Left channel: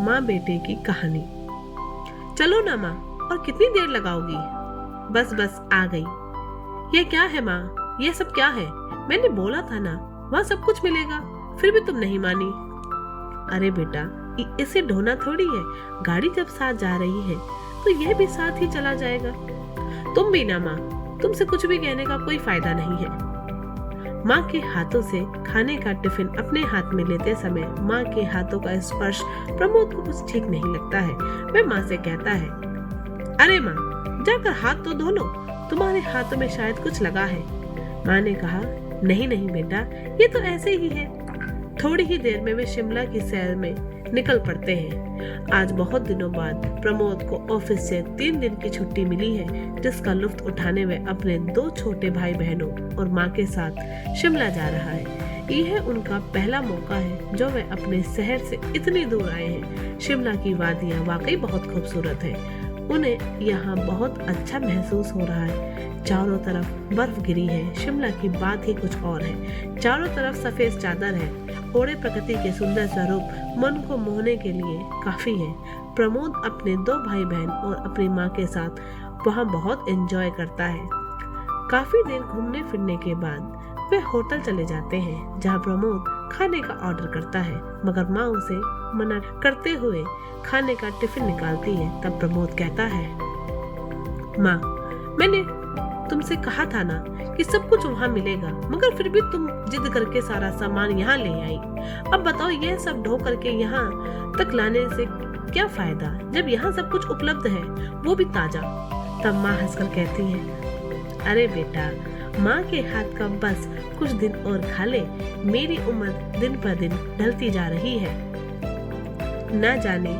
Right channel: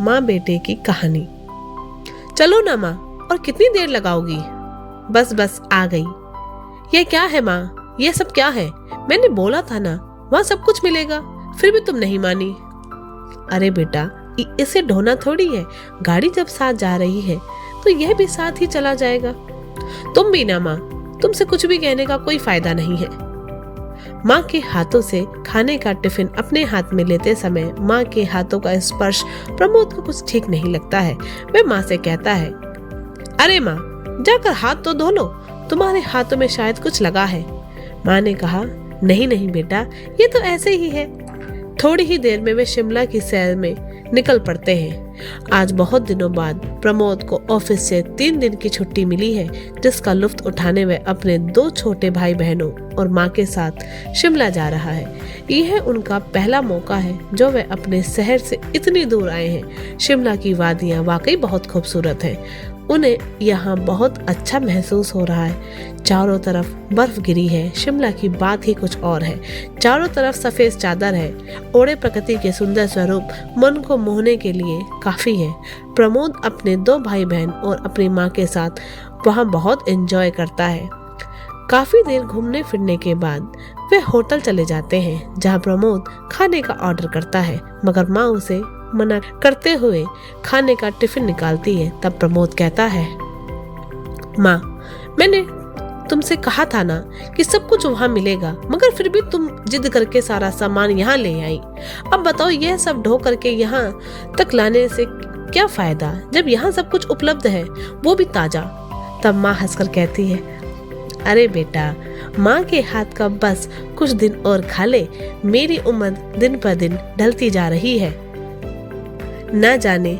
माँ बेटे की कहानी। चलो ना माँ, और कितनी देर लगाओगी? बस बस आ गई। ये क्या है माँ, ये सब क्या है? मैंने बोला था ना वहाँ सब कुछ मिलेगा, फिर भी तुम नहीं मानी। अरे बेटा, इसे ढोना थोड़ी है, गाड़ी जब साथ जा रही है तो यह भी साथ ही चला जाएगा। तुम भी ना माँ, तुमसे कुछ भी कहने का कोई फायदा नहीं है। माँ के हाथों से खाने का टिफिन अपने हाथ में लेते समय माँ के हाथों का स्पर्श प्रमोद को कुछ ठीक नहीं लगता है। वह माँ से कहता है, अरे माँ, जाकर हाथ तो धो लो, तुम्हारे हाथों में शायद कुछ लगा है। माँ ने कहा, नहीं नहीं बेटा, ये तो ऐसे ही है। थोड़ी ही देर में वे शिमला की सैर में निकल पड़ते हैं। आज बहुत दिनों बाद प्रमोद को ऑफिस से 3 दिन की छुट्टी मिली है, जिसका लुत्फ उठाने वह अपने 2 छोटे भाई बहनों और माँ के साथ शिमला जा रहा है। यह उनका पहला मौका है जो वह अपने शहर से इतनी दूर आए हैं। शिमला की वादियाँ वाकई बहुत खूबसूरत हैं। उन्हें यहाँ बहुत अच्छा महसूस हो रहा है। चारों तरफ बर्फ गिरी है। शिमला की बात ही कुछ और है। चारों तरफ सफेद चादर है। ओढ़े प्रकृति के सुंदर स्वरूप मन को मोहने के लिए काफी है। प्रमोद अपने 2 भाई बहन और अपनी माँ के साथ वहाँ बहुत एंजॉय करता है। काफी देर घूमने फिरने के बाद वे होटल चले जाते हैं, जहाँ प्रमोद खाने का ऑर्डर करता है, मगर माँ उसे मना करते हुए खाने का टिफिन निकालती है। तब प्रमोद कहता है, माँ, मैंने तुमसे कहा था ना कि सब कुछ वहाँ मिलेगा, मगर फिर भी तुम जिद करके सारा सामान यहाँ ले आई। अब बताओ, यह सब ढो करके यहाँ तक लाने से क्या फायदा, जब यहाँ सब कुछ उपलब्ध है, वो भी ताजा। तब माँ हंसकर कहती है, अरे बेटा, माँ के हाथ का बस कुछ दिन और खा ले। मेरी उम्र दिन पर दिन ढलती जा रही है। ना जाने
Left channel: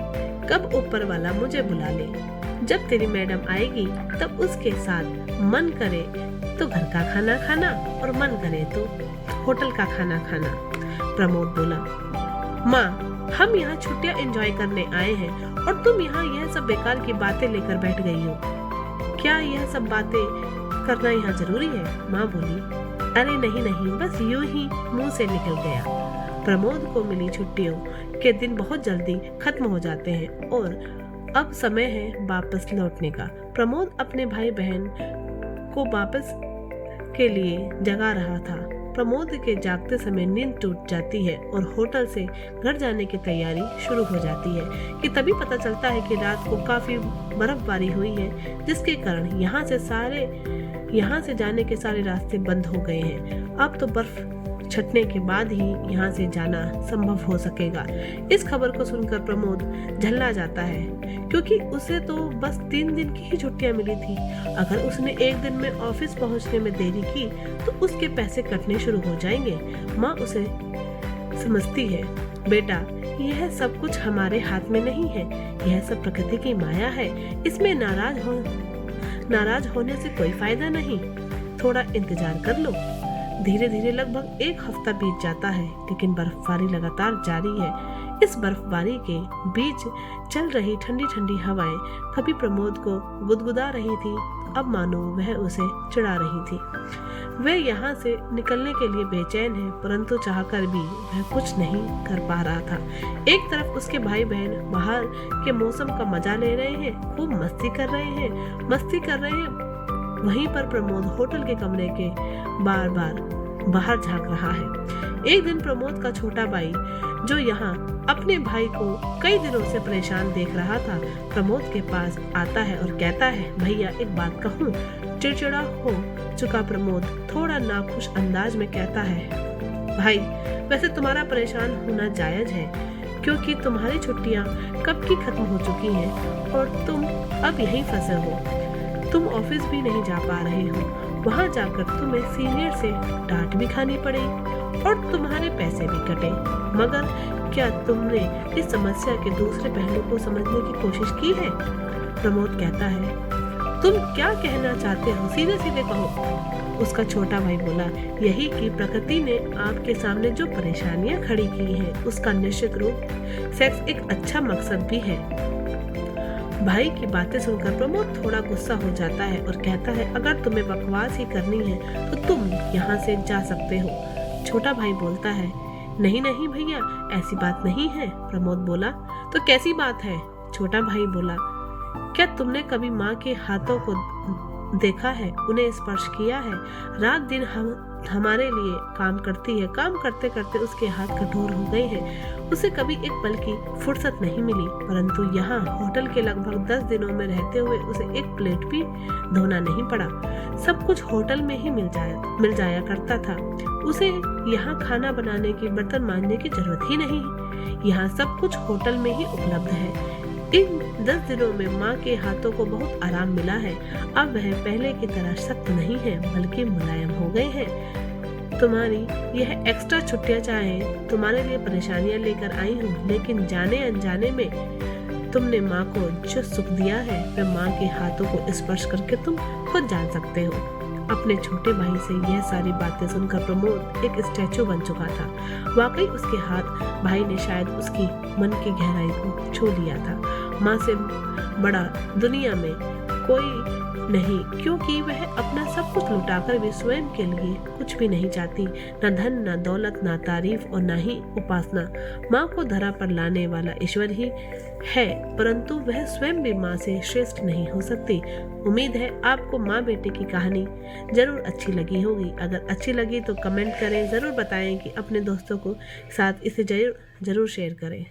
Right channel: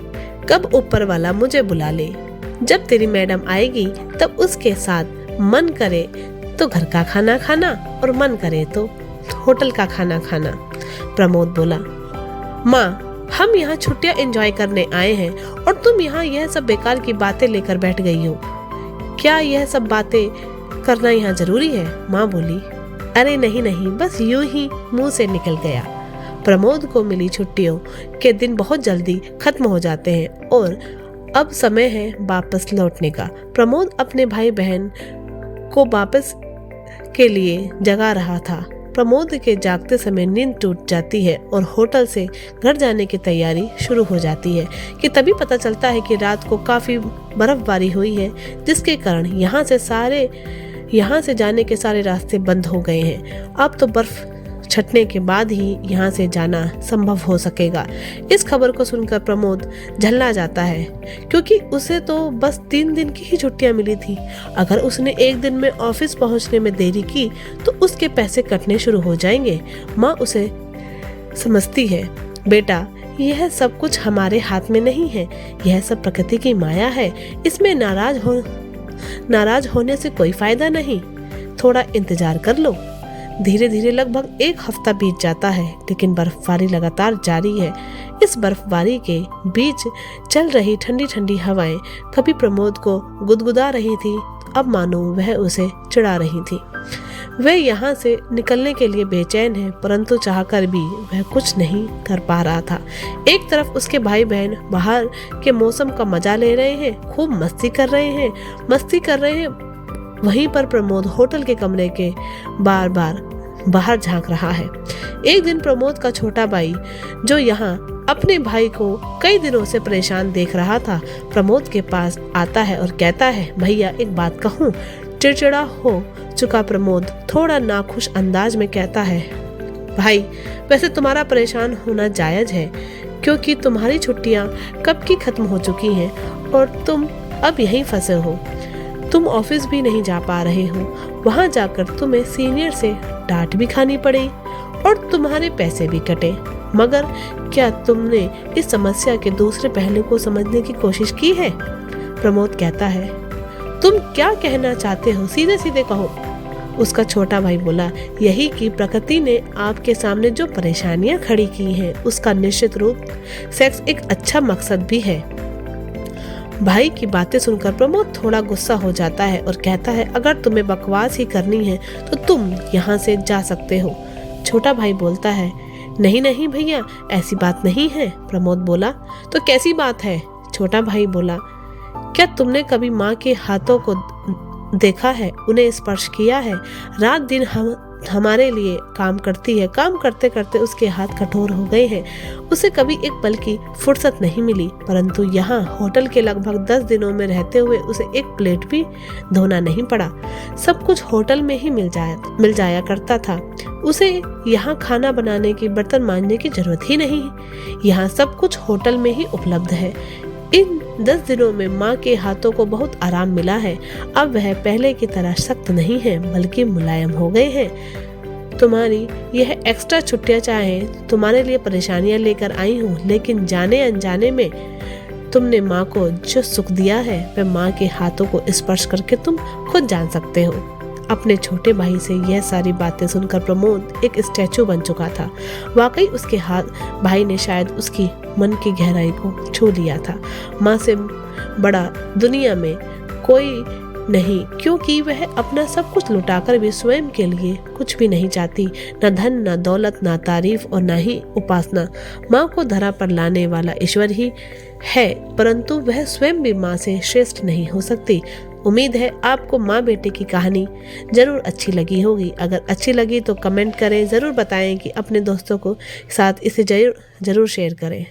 कब ऊपर वाला मुझे बुला ले। जब तेरी मैडम आएगी तब उसके साथ मन करे तो घर का खाना खाना और मन करे तो होटल का खाना खाना। प्रमोद बोला, माँ, हम यहाँ छुट्टियाँ एंजॉय करने आए हैं और तुम यहाँ यह सब बेकार की बातें लेकर बैठ गई हो। क्या यह सब बातें करना यहाँ जरूरी है? माँ बोली, अरे नहीं नहीं, बस यूं ही मुंह से निकल गया। प्रमोद को मिली छुट्टियों के दिन बहुत जल्दी खत्म हो जाते हैं और अब समय है वापस लौटने का। प्रमोद अपने भाई बहन को वापस के लिए जगा रहा था। प्रमोद के जागते समय नींद टूट जाती है और होटल से घर जाने की तैयारी शुरू हो जाती है कि तभी पता चलता है कि रात को काफी बर्फबारी हुई है, जिसके कारण यहाँ से जाने के सारे रास्ते बंद हो गए हैं। अब तो बर्फ छटने के बाद ही यहाँ से जाना संभव हो सकेगा। इस खबर को सुनकर प्रमोद झल्ला जाता है, क्योंकि उसे तो बस 3 दिन की ही छुट्टियां मिली थी। अगर उसने 1 दिन में ऑफिस पहुँचने में देरी की तो उसके पैसे कटने शुरू हो जाएंगे। माँ उसे समझती है, बेटा, यह सब कुछ हमारे हाथ में नहीं है, यह सब प्रकृति की माया है। इसमें नाराज होने से कोई फायदा नहीं। थोड़ा इंतजार कर लो। धीरे धीरे लगभग 1 हफ्ता बीत जाता है, लेकिन बर्फबारी लगातार जारी है। इस बर्फबारी के बीच चल रही ठंडी ठंडी हवाएं कभी प्रमोद को गुदगुदा रही थी, अब मानो वह उसे चिढ़ा रही थी। वह यहाँ से निकलने के लिए बेचैन है, परंतु चाहकर भी वह कुछ नहीं कर पा रहा था। एक तरफ उसके भाई बहन बाहर के मौसम का मजा ले रहे हैं, खूब मस्ती कर रहे हैं। वहीं पर प्रमोद होटल के कमरे के बाहर झांक रहा है। एक दिन प्रमोद का छोटा भाई, जो यहाँ अपने भाई को कई दिनों से परेशान देख रहा था, प्रमोद के पास आता है और कहता है, भैया, एक बात कहूँ। चिड़चिड़ा हो चुका प्रमोद थोड़ा नाखुश अंदाज में कहता है, भाई, वैसे तुम्हारा परेशान होना जायज है, क्योंकि तुम्हारी छुट्टियाँ कब की खत्म हो चुकी हैं और तुम अब यहीं फंसे हो। तुम ऑफिस भी नहीं जा पा रहे हो। वहाँ जाकर तुम्हें सीनियर से डांट भी खानी पड़ी और तुम्हारे पैसे भी कटे। मगर क्या तुमने इस समस्या के दूसरे पहलू को समझने की कोशिश की है? प्रमोद कहता है, तुम क्या कहना चाहते हो, सीधे सीधे कहो। उसका छोटा भाई बोला, यही कि प्रकृति ने आपके सामने जो परेशानियां खड़ी की हैं, उसका निश्चित रूप सेक्स एक अच्छा मकसद भी है। भाई की बातें सुनकर प्रमोद थोड़ा गुस्सा हो जाता है और कहता है, अगर तुम्हें बकवास ही करनी है तो तुम यहाँ से जा सकते हो। छोटा भाई बोलता है, नहीं नहीं भैया, ऐसी बात नहीं है, प्रमोद बोला। तो कैसी बात है? छोटा भाई बोला। क्या तुमने कभी माँ के हाथों को देखा है, उन्हें स्पर्श किया है? रात दिन हमारे लिए काम करती है, काम करते करते उसके हाथ कठोर हो गए हैं। उसे कभी एक पल की फुर्सत नहीं मिली, परंतु यहाँ होटल के लगभग 10 दिनों में रहते हुए उसे एक प्लेट भी धोना नहीं पड़ा। सब कुछ होटल में ही मिल जाया करता था। उसे यहाँ खाना बनाने की, बर्तन मांजने की जरूरत ही नहीं। यहाँ सब कुछ होटल में ही उपलब्ध है। इन 10 दिनों में माँ के हाथों को बहुत आराम मिला है। अब वह पहले की तरह सख्त नहीं है, बल्कि मुलायम हो गए हैं। तुम्हारी यह एक्स्ट्रा छुट्टियां चाहे तुम्हारे लिए परेशानियां लेकर आई हूँ, लेकिन जाने अनजाने में तुमने माँ को जो सुख दिया है वह माँ के हाथों को स्पर्श करके तुम खुद जान सकते हो। अपने छोटे भाई से यह सारी बातें सुनकर प्रमोद एक स्टैचू बन चुका था। वाकई उसके हाथ भाई ने शायद उसकी मन की गहराई को छू लिया था। माँ से बड़ा दुनिया में कोई नहीं, क्योंकि वह अपना सब कुछ लुटाकर भी स्वयं के लिए कुछ भी नहीं चाहती। न धन, न दौलत, न तारीफ और न ही उपासना। माँ को धरा पर लाने वाला ईश्वर ही है, परंतु वह स्वयं भी माँ से श्रेष्ठ नहीं हो सकती। उम्मीद है आपको माँ बेटे की कहानी जरूर अच्छी लगी होगी। अगर अच्छी लगी तो कमेंट करें, ज़रूर बताएं कि अपने दोस्तों को साथ इसे जरूर शेयर करें।